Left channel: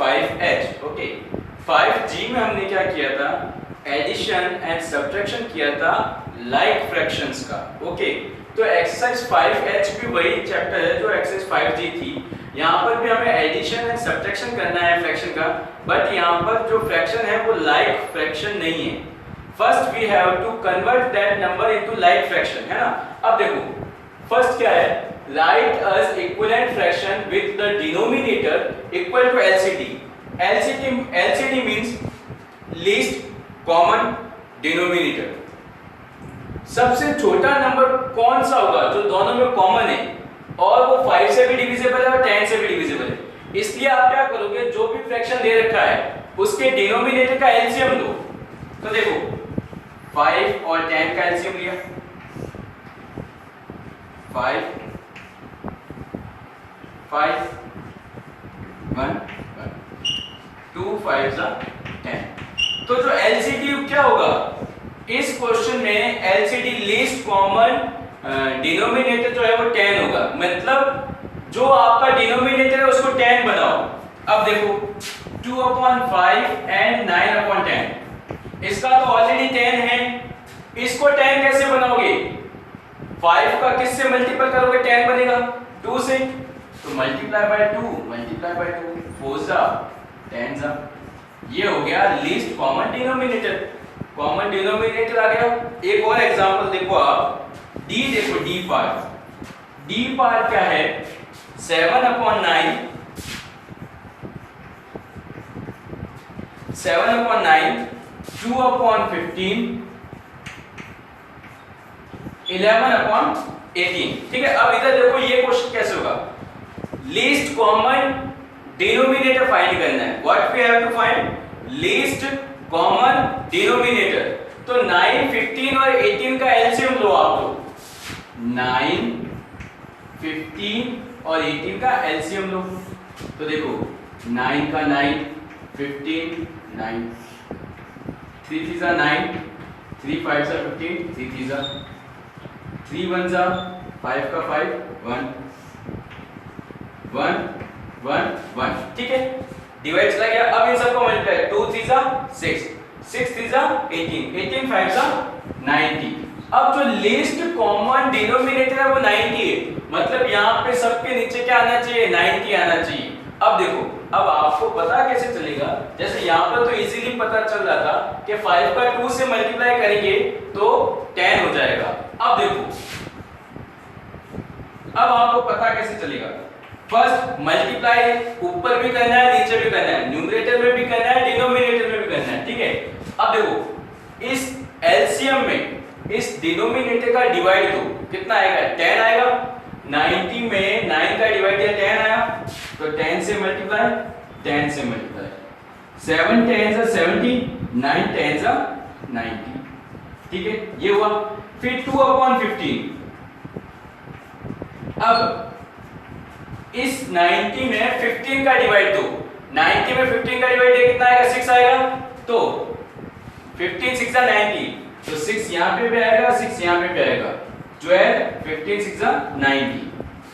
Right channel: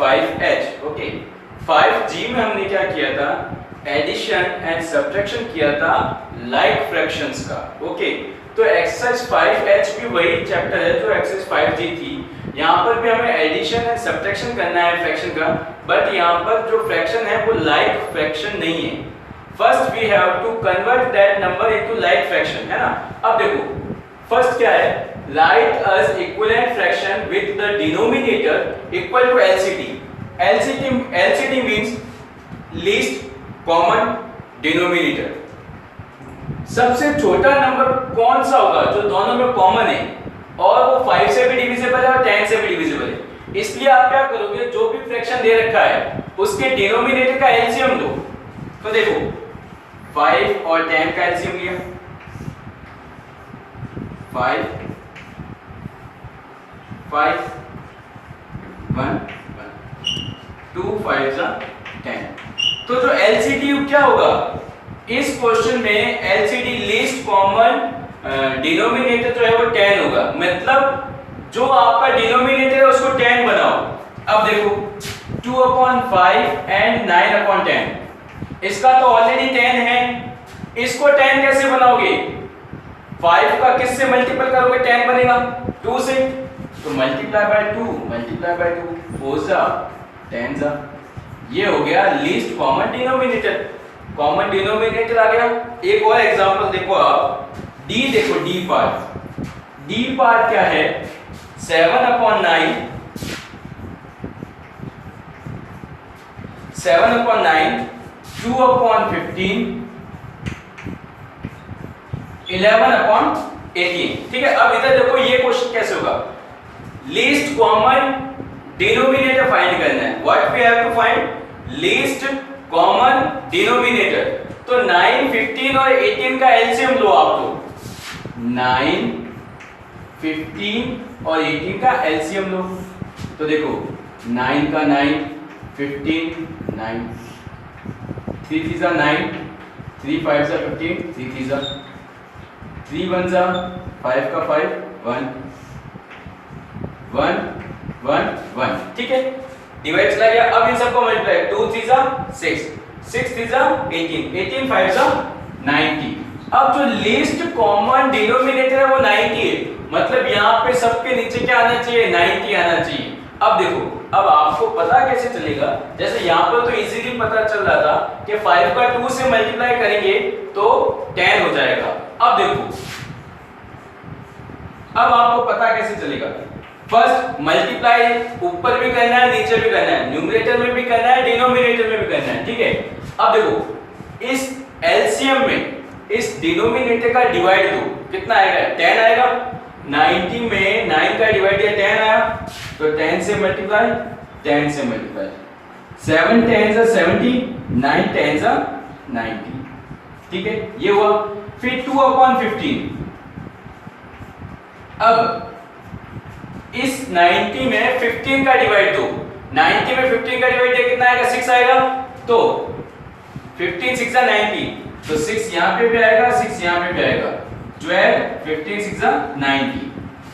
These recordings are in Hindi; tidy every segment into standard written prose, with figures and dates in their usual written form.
5h। ओके, 5g में हमने क्या किया था, एडिशन एंड सब्ट्रैक्शन किया था लाइक फ्रैक्शंस का। ओके, तो एक्सरसाइज 5h भी वही चैप्टर है जो एक्सरसाइज 5g थी। यहाँ पर भी हमें एडिशन एंड सब्ट्रैक्शन करना है फ्रैक्शन का, बट यहाँ पर जो फ्रैक्शन है वो लाइक फ्रैक्शन नहीं है। First we have to convert that number into like fraction, है ना। अब देखो फर्स्ट क्या है, write as equivalent fraction with the denominator equal to LCD. LCD means least common denominator. सबसे छोटा नंबर कौन सा होगा जो दोनों में कॉमन है और वो 5 से भी डिविजिबल है और 10 से भी डिविजिबल है। इसलिए आप क्या करोगे, जो भी फ्रैक्शन दे रखा है उसके डिनोमिनेटर का एलसीएम लो। तो देखो 5 और 10 का एलसीएम लिया, 5 5 1 2 5 10। तो जो एलसीडी क्या होगा इस क्वेश्चन में, एलसीडी लीस्ट कॉमन डिनोमिनेटर जो है वो 10 होगा। मतलब जो आपका डिनोमिनेटर है उसको 10 बनाओ। अब देखो 2/5 एंड 9/10, इसका तो ऑलरेडी 10 है, इसको 10 कैसे बनाओगे, 5 का किससे मल्टीपल करोगे 10 बनेगा, 2 से, तो मल्टीप्लाई बाय 2 4 जा 10 जा, ये हो गया least common denominator. Common denominator आ गया। एक और एग्जांपल देखो आप, डी देखो, डी पार्ट क्या है, 7/9 2/15 11/18। ठीक है, अब इधर देखो ये क्वेश्चन कैसे होगा, लीस्ट कॉमन डिनोमिनेटर फाइंड करना है। What we have to find, least common denominator. तो 9 15 और 18 का एलसीएम लो आप, तो 9 15 और 18 का एलसीएम लो। तो देखो 9 का 9 15 9 3 3 जा 9 3 5 जा 15 3 3 जा 3 1 जा 5 का 5 1 1 1 1। ठीक है, डिवाइड चला गया। अब इन सबको मल्टीप्लाई, 2 3 जा 6 6 3 जा 18 18 5 जा 90। अब जो लीस्ट कॉमन डिनोमिनेटर है वो 90 है, मतलब यहाँ पे सबके नीचे क्या आना चाहिए, 90 आना चाहिए। अब देखो, अब आपको पता कैसे चलेगा, जैसे यहाँ पर तो इजीली पता चल रहा था कि 5 का 2 से मल्टीप्लाई करेंगे तो 10 हो जाएगा। अब देखो, अब आपको पता कैसे चलेगा, फर्स्ट मल्टीप्लाई ऊपर भी करना है नीचे भी करना है, न्यूमरेटर में भी करना है डिनोमिनेटर में भी करना है। ठीक है, अब देखो इस एलसीएम में इस डिनोमिनेटर का डिवाइड दो, कितना आएगा, 10 आएगा। 90 में 9 का डिवाइड दिया 10 आया, तो 10 से मल्टीप्लाई 10 से मल्टीप्लाई, 7 10 जा 70 9 10 जा 90। ठीक है, ये हुआ। फिर 2/15, अब इस 90 में 15 का डिवाइड दो, 90 में 15 का डिवाइड दिया कितना आएगा, 6 आएगा। तो 15 6 जा 90, तो 6 यहाँ पे भी आएगा 6 यहाँ पे भी आएगा, 12 15 6 जा 90।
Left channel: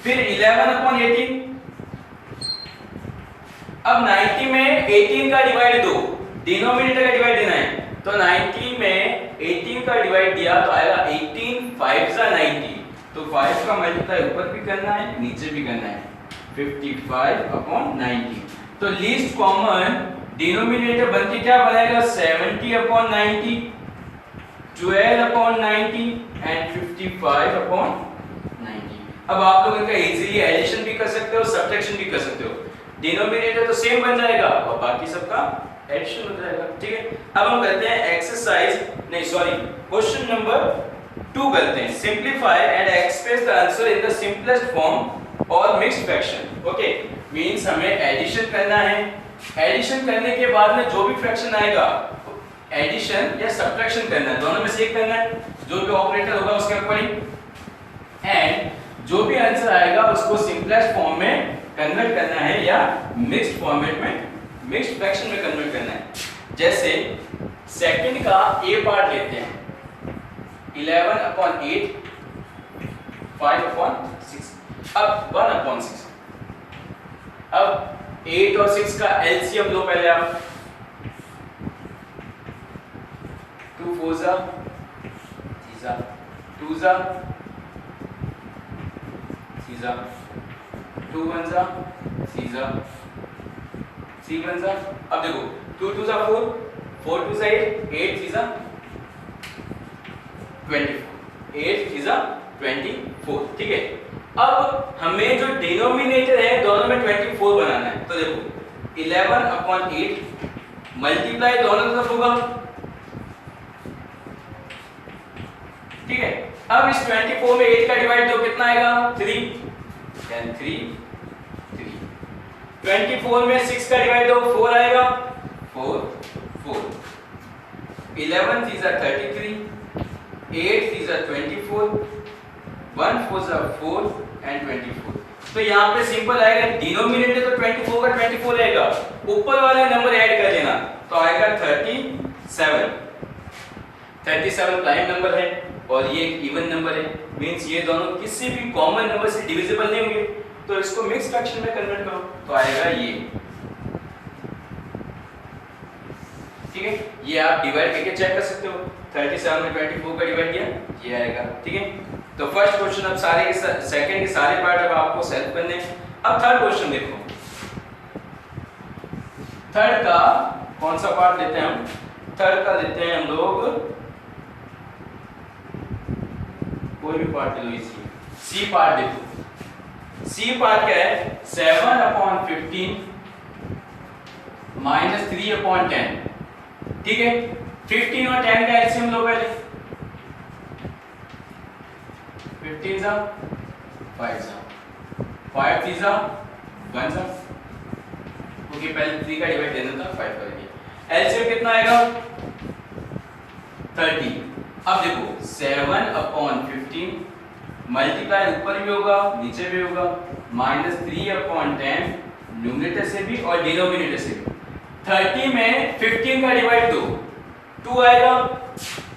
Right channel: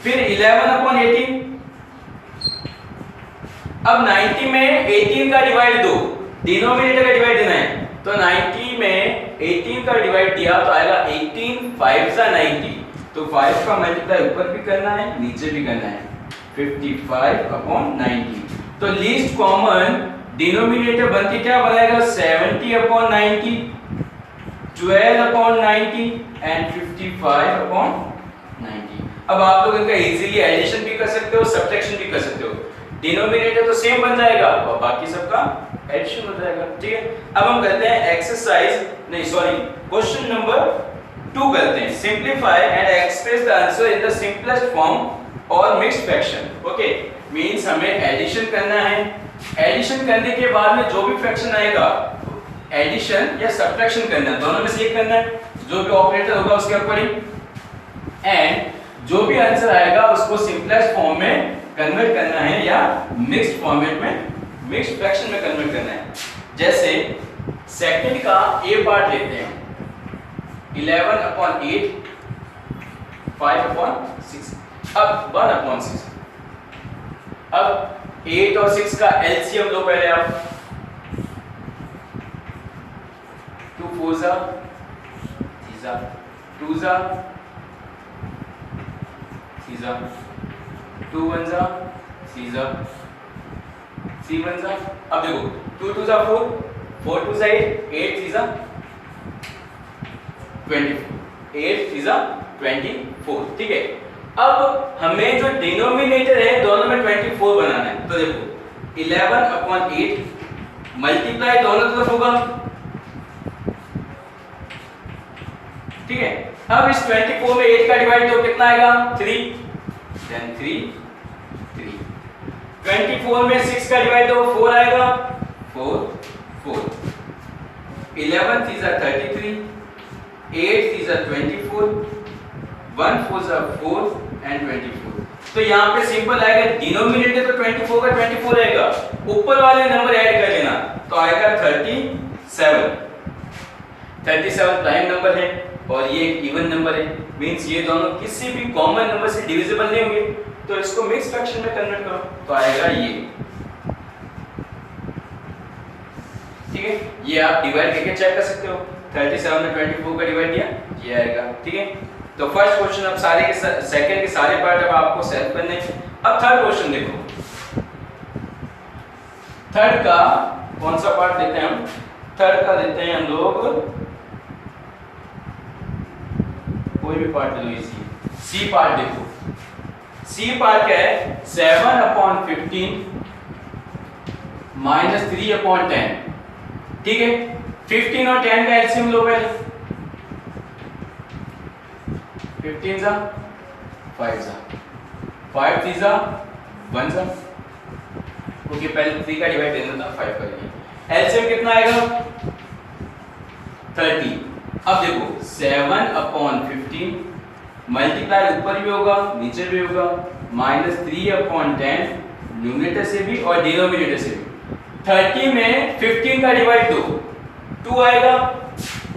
फिर 11/18, अब 90 में 18 का डिवाइड दो, डिनोमिनेटर का डिवाइड देना है, तो 90 में 18 का डिवाइड दिया तो आएगा 18 5 जा 90, तो 5 का मल्टीप्लाई ऊपर भी करना है नीचे भी करना है, 55/90। तो लीस्ट कॉमन डिनोमिनेटर बनती क्या बनाएगा, 70/90, 12/90 एंड 55/90। अब आप लोग इनका इजीली एडिशन भी कर सकते हो, सब्ट्रैक्शन भी कर सकते हो। डिनोमिनेटर तो सेम बन जाएगा और बाकी सबका एडिशन हो जाएगा। ठीक है, अब हम करते हैं एक्सरसाइज, नहीं सॉरी, क्वेश्चन नंबर 2 करते हैं। Simplify and express the answer in the simplest form और मिक्स्ड फ्रैक्शन। ओके, मींस हमें एडिशन करना है, एडिशन करने के बाद में जो भी फ्रैक्शन आएगा एडिशन या सब्ट्रैक्शन करना है, दोनों में से एक करना है, जो भी ऑपरेटर होगा उसके अकॉर्डिंग, एंड जो भी आंसर आएगा उसको सिंपलेस्ट फॉर्म में कन्वर्ट करना है या मिक्स्ड फॉर्मेट में, मिक्स्ड फ्रैक्शन में कन्वर्ट करना है। जैसे सेकंड का ए पार्ट लेते हैं, 11/8 5/6, अब 1/6, अब 8 और 6 का एलसीएम लो पहले आप। 2 4 जा 3 जा 2 जा 3 जा 2 1 जा 3 जा 3 1 जा। अब देखो 2 2 जा 4 4 2 जा 8 8 3 जा 24 8 3 जा 24। ठीक है, अब हमें जो डिनोमिनेटर है दोनों में 24 बनाना है। तो देखो 11/8 मल्टीप्लाई दोनों तरफ होगा। ठीक है, अब इस 24 में 8 का डिवाइड तो कितना आएगा 3, देन 3 3। 24 में 6 का डिवाइड तो 4 आएगा 4 4। 11 3 जा 33, 8 3 जा 24, 1 4 जा 4 एंड 24। तो यहाँ पे सिंपल आएगा, डिनोमिनेटर तो 24 का 24 रहेगा, ऊपर वाले नंबर ऐड कर लेना तो आएगा 37। 37 प्राइम नंबर है और ये एक इवन नंबर है, मींस ये दोनों किसी भी कॉमन नंबर से डिविजिबल नहीं होंगे। तो इसको मिक्स फ्रैक्शन में कन्वर्ट करो तो आएगा ये। ठीक है, ये आप डिवाइड करके चेक कर सकते हो। 37 में 24 का डिवाइड किया, ये आएगा। ठीक है, तो फर्स्ट क्वेश्चन अब सारे के सेकंड के सारे पार्ट अब आपको सॉल्व करने हैं। अब थर्ड क्वेश्चन देखो, थर्ड का कौन सा पार्ट देते हैं हम? थर्ड का देते हैं हम लोग कोई भी पार्ट ले लो, इसी सी पार्ट देखो। सी पार्ट क्या है? 7/15 - 3/10। ठीक है, 15 और 10 का एलसीएम लो पहले। 15 जा 5 जा 5 3 जा 1 जा। ओके, पहले 3 का डिवाइड देना था 5 करके। एलसीएम कितना आएगा 30। अब देखो 7/15 मल्टीप्लाई ऊपर भी होगा नीचे भी होगा, -3/10 न्यूमरेटर से भी और डिनोमिनेटर से भी। 30 में 15 का डिवाइड दो 2 आएगा,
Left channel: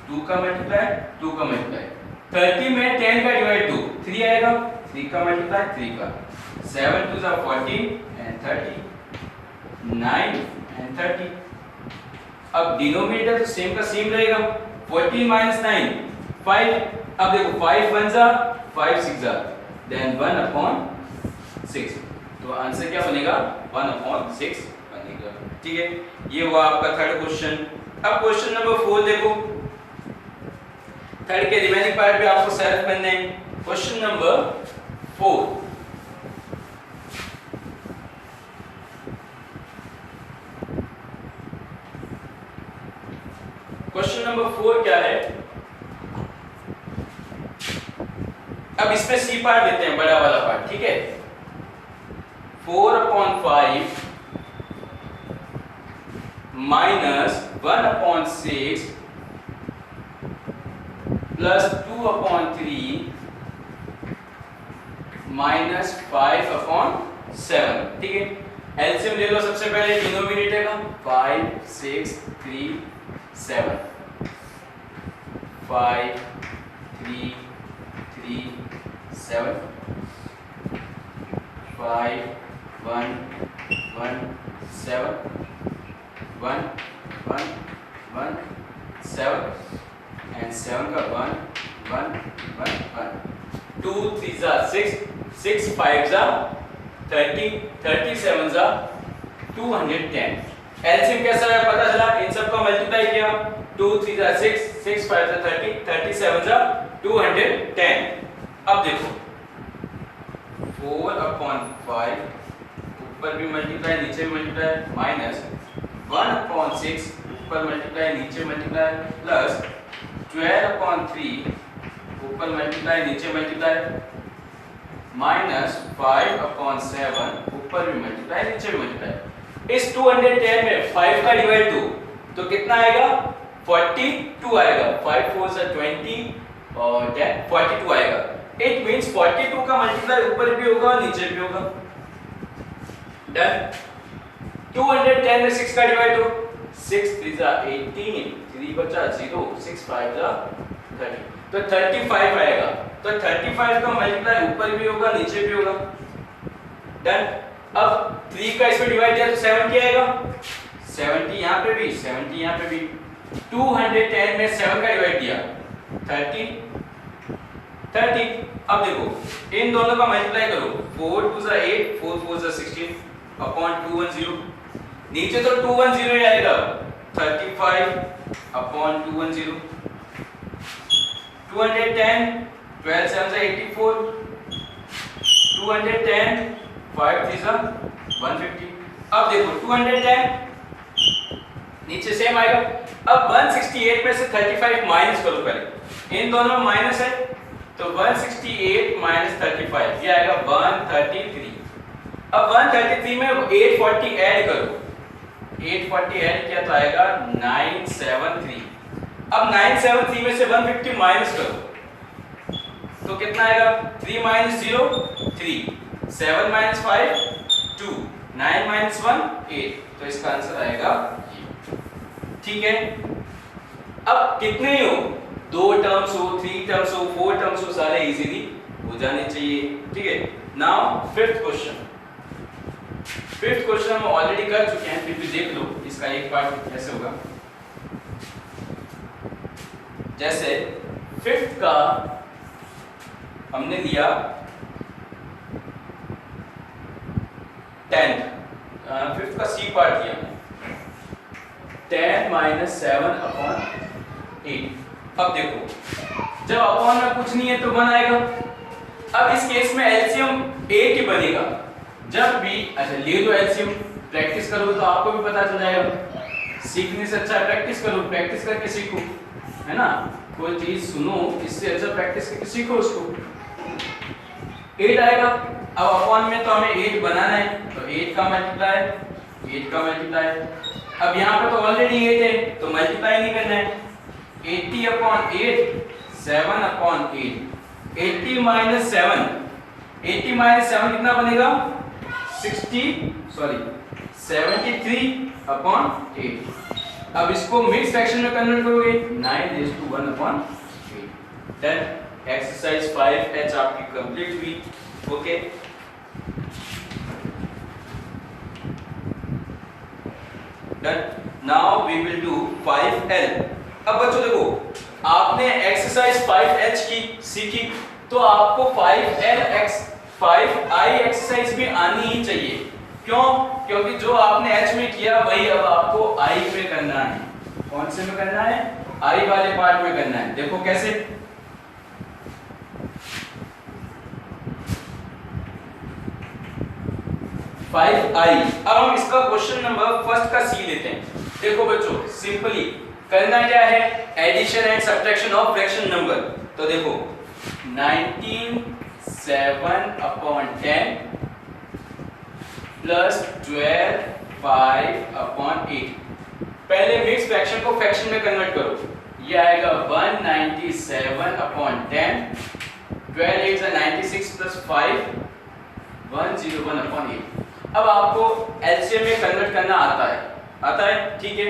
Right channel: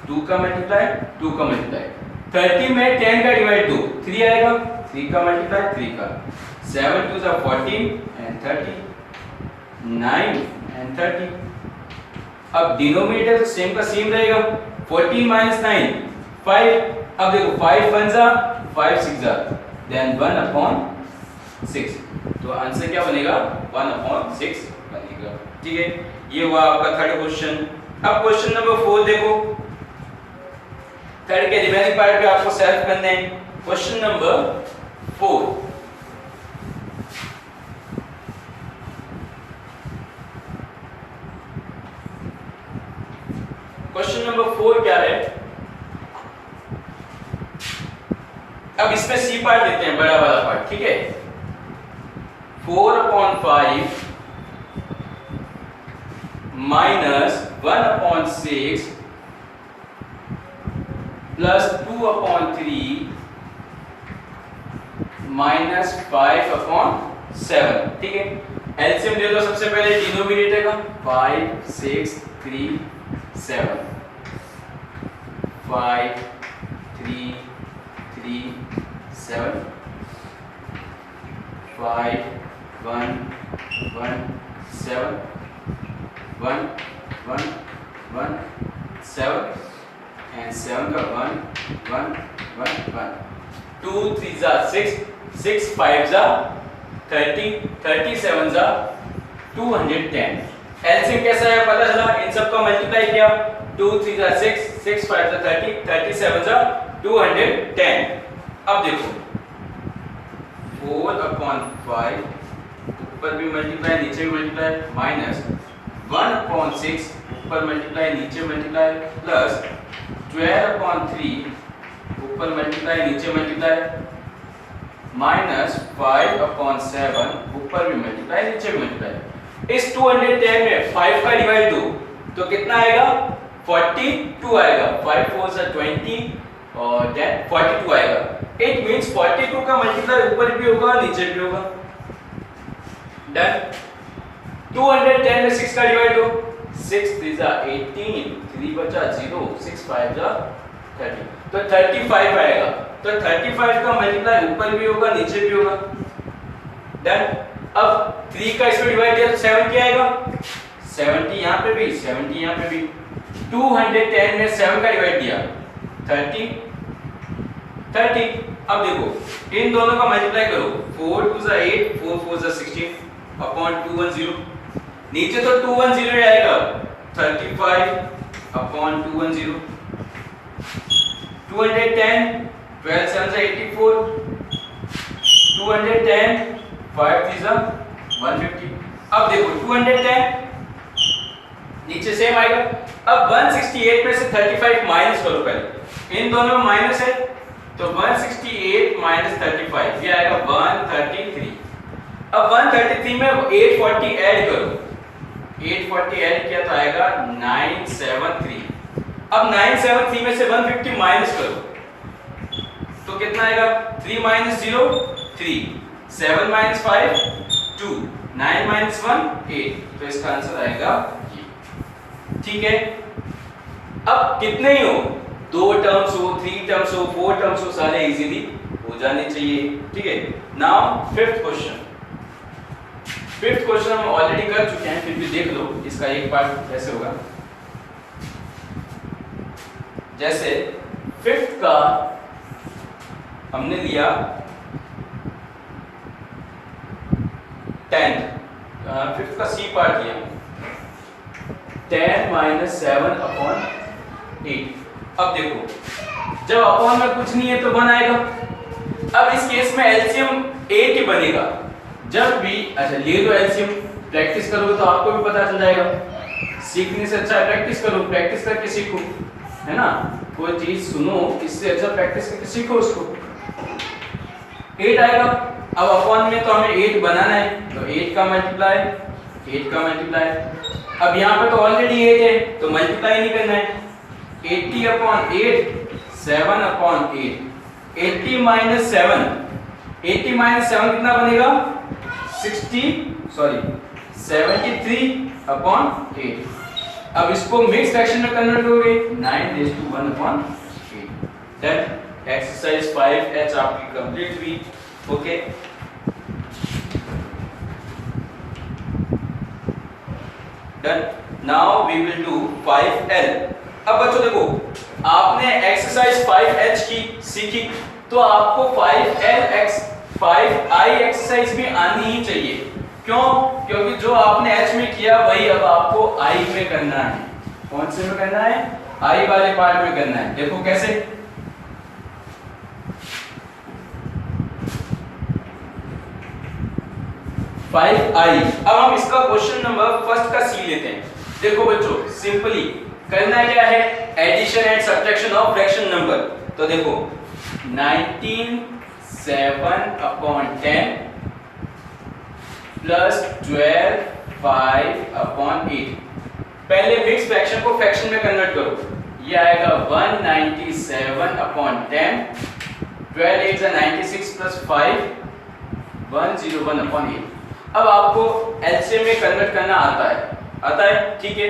2 का मल्टीप्लाई 2 का मल्टीप्लाई। 30 में 10 का डिवाइड दो 3 आएगा, 3 का मल्टीप्लाई 3 का। 7 2 जा 14 एंड 30, 9 एंड 30। अब डिनोमिनेटर तो सेम का सेम रहेगा, 14 - 9 5। अब देखो 5 1 जा 5 6 जा, देन 1/6। तो आंसर क्या बनेगा 1/6 बनेगा। ठीक है, ये हुआ आपका थर्ड क्वेश्चन। अब क्वेश्चन नंबर 4 देखो, थर्ड के रिमेनिंग पार्ट भी आपको सॉल्व करने हैं। क्वेश्चन नंबर 4, क्वेश्चन नंबर 4 क्या है? अब इसमें सी पार्ट लेते हैं, बड़ा वाला पार्ट। ठीक है, 4/5 - 1/6 प्लस 2/3 माइनस 5/7। ठीक है, एलसीएम ले लो सबसे पहले डिनोमिनेटर का, 5 6 3 7, 5 3 3 7, 5 1 1 7 1 1 1 7 and 7 का 1 1 1 1। 2 3 जा 6 6 5 जा 30 37 जा 210। एलसीएम कैसा है पता चला, इन सब का मल्टीप्लाई किया, 2 3 जा 6 6 5 जा 30 37 जा 210। अब देखो 4/5 ऊपर भी मल्टीप्लाई नीचे भी मल्टीप्लाई, माइनस 1/6 ऊपर मल्टीप्लाई नीचे मल्टीप्लाई, प्लस 12/3 ऊपर मल्टीप्लाई नीचे मल्टीप्लाई, माइनस 5/7 ऊपर भी मल्टीप्लाई नीचे भी मल्टीप्लाई। इस 210 में 5 का डिवाइड दो तो कितना आएगा 42 आएगा। 5 4 जा 20 और देन 42 आएगा। इट मींस 42 का मल्टीप्लाई ऊपर भी होगा नीचे भी होगा। डन। 210 में 6 का डिवाइड दो, 6 3 जा 18, 3 बचा 0, 6 5 जा 30, तो 35 आएगा। तो 35 का मल्टीप्लाई ऊपर भी होगा नीचे भी होगा। डन। अब 3 का इसमें डिवाइड किया तो 70 आएगा, 70 यहाँ पे भी, 70 यहाँ पे भी। 210 में 7 का डिवाइड दिया 30, 30। अब देखो इन दोनों का मल्टीप्लाई करो, 4 2 8, 4 4 16 अपॉन 210। नीचे तो 210 ही आएगा, 35 अपॉन 210। 210, 12 7 84, 210, 5 3 150। अब देखो 210 नीचे सेम आएगा। अब 168 में से 35 माइनस करो, पहले इन दोनों में माइनस है तो 168 माइनस 35 ये आएगा 133। अब 133 में 840 ऐड करो, 840 ऐड किया तो आएगा 973। अब 973 में से 150 माइनस करो तो कितना आएगा, 3 माइनस 0 3, 7 माइनस 5 2, 9 माइनस 1 8। तो इसका आंसर आएगा ये। ठीक है, अब कितने ही हो, 2 टर्म्स हो, 3 टर्म्स हो, 4 टर्म्स हो, सारे इजीली हो जाने चाहिए। ठीक है, now fifth question. Fifth question हम ऑलरेडी कर चुके हैं, फिर भी देख लो इसका एक पार्ट कैसे होगा। जैसे फिफ्थ का हमने लिया 10, फिफ्थ का सी पार्ट लिया 10 माइनस 7 अपॉन 8। अब देखो जब अपॉन में कुछ नहीं है तो 1 आएगा। अब इस केस में एलसीएम 8 ही बनेगा जब भी, अच्छा ये जो एलसीएम प्रैक्टिस करोगे तो आपको भी पता चल जाएगा। सीखने से अच्छा प्रैक्टिस करो, प्रैक्टिस करके सीखो, है ना। कोई चीज सुनो, इससे अच्छा प्रैक्टिस करके सीखो उसको। 8 आएगा। अब अपॉन में तो हमें 8 बनाना है तो 8 का मल्टीप्लाई, 8 का मल्टीप्लाई। अब यहाँ पे तो ऑलरेडी 8 है तो मल्टीप्लाई नहीं करना है। 80 अपॉन 8, 7 अपॉन 8। 80 माइनस 7, 80 माइनस 7 कितना बनेगा, 73 अपॉन 8। अब इसको मिक्स फ्रैक्शन में कन्वर्ट करोगे 9:1 अपॉन 8। डन। एक्सरसाइज 5H आपकी कंप्लीट हुई। Okay, done. Now we will do 5L। अब बच्चों देखो, आपने एक्सरसाइज 5H की सीखी तो आपको 5I एक्सरसाइज भी आनी ही चाहिए। क्यों? क्योंकि जो आपने H में किया वही अब आपको I में करना है। कौन से में करना है? I वाले पार्ट में करना है। देखो कैसे, अब हम इसका क्वेश्चन नंबर फर्स्ट का सी लेते हैं। देखो बच्चों, सिंपली करना क्या है, addition and subtraction of fraction number. तो देखो 19 7 अपॉन 10 प्लस 12 5 अपॉन 8। पहले मिक्स फ्रैक्शन को फ्रैक्शन में कन्वर्ट करो, ये आएगा 197 अपॉन 10, 12 8 96 प्लस 5 101 अपॉन 8। अब आपको एलसीएम में कन्वर्ट करना आता है, ठीक है,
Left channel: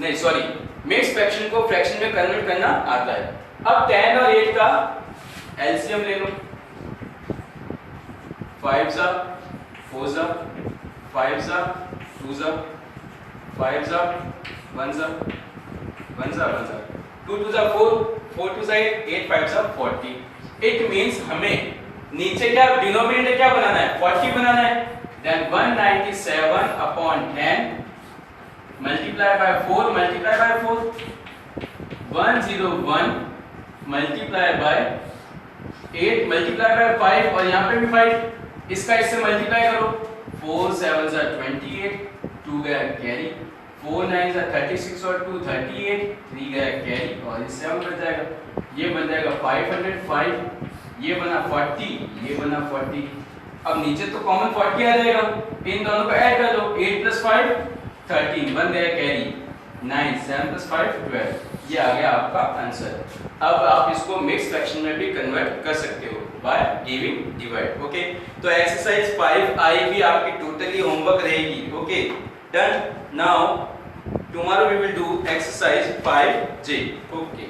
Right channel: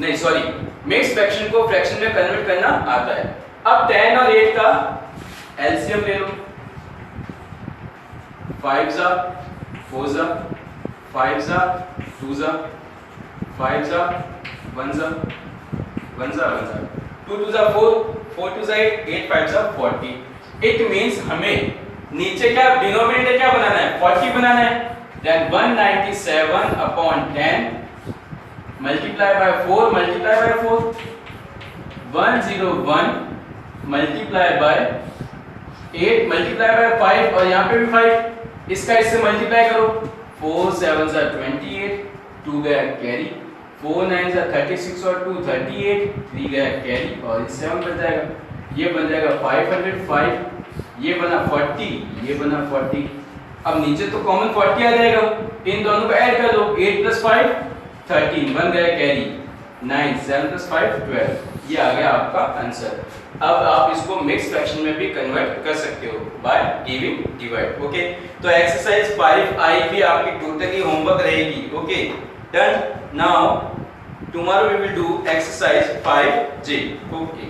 नहीं सॉरी, मिक्स फ्रैक्शन को फ्रैक्शन में कन्वर्ट करना आता है। अब 10 और 8 का एलसीएम ले लो, 5 जा 4 जा 5 जा 2 जा 5 जा 1 जा 1 जा 1 जा 2 2 जा 4 4 2 जा 8 8 5 जा 40। इट मींस हमें नीचे क्या डिनोमिनेटर क्या बनाना है, 40 बनाना है। Then 197 upon 10 multiply by 4 multiply by 4 101 multiply by 8 multiply by 5 और यहाँ पे भी 5, इसका इससे मल्टीप्लाई करो, 4 7 जा 28, 2 गया कैरी, 4 9 जा 36 और 2 38, 3 गया कैरी और इससे हम बन जाएगा, ये बन जाएगा 505, ये बना 40, ये बना 40। अब नीचे तो कॉमन 40 आ जाएगा, इन दोनों को ऐड कर लो, 8 + 5 13 बन गया कैरी, 9 7 + 5 12। ये आ गया आपका आंसर। अब आप इसको मिक्स फ्रैक्शन में भी कन्वर्ट कर सकते हो बाय गिविंग डिवाइड। ओके, तो एक्सरसाइज 5I भी आपकी टोटली होमवर्क रहेगी। Okay, done. Now tomorrow we will do exercise 5J। Okay.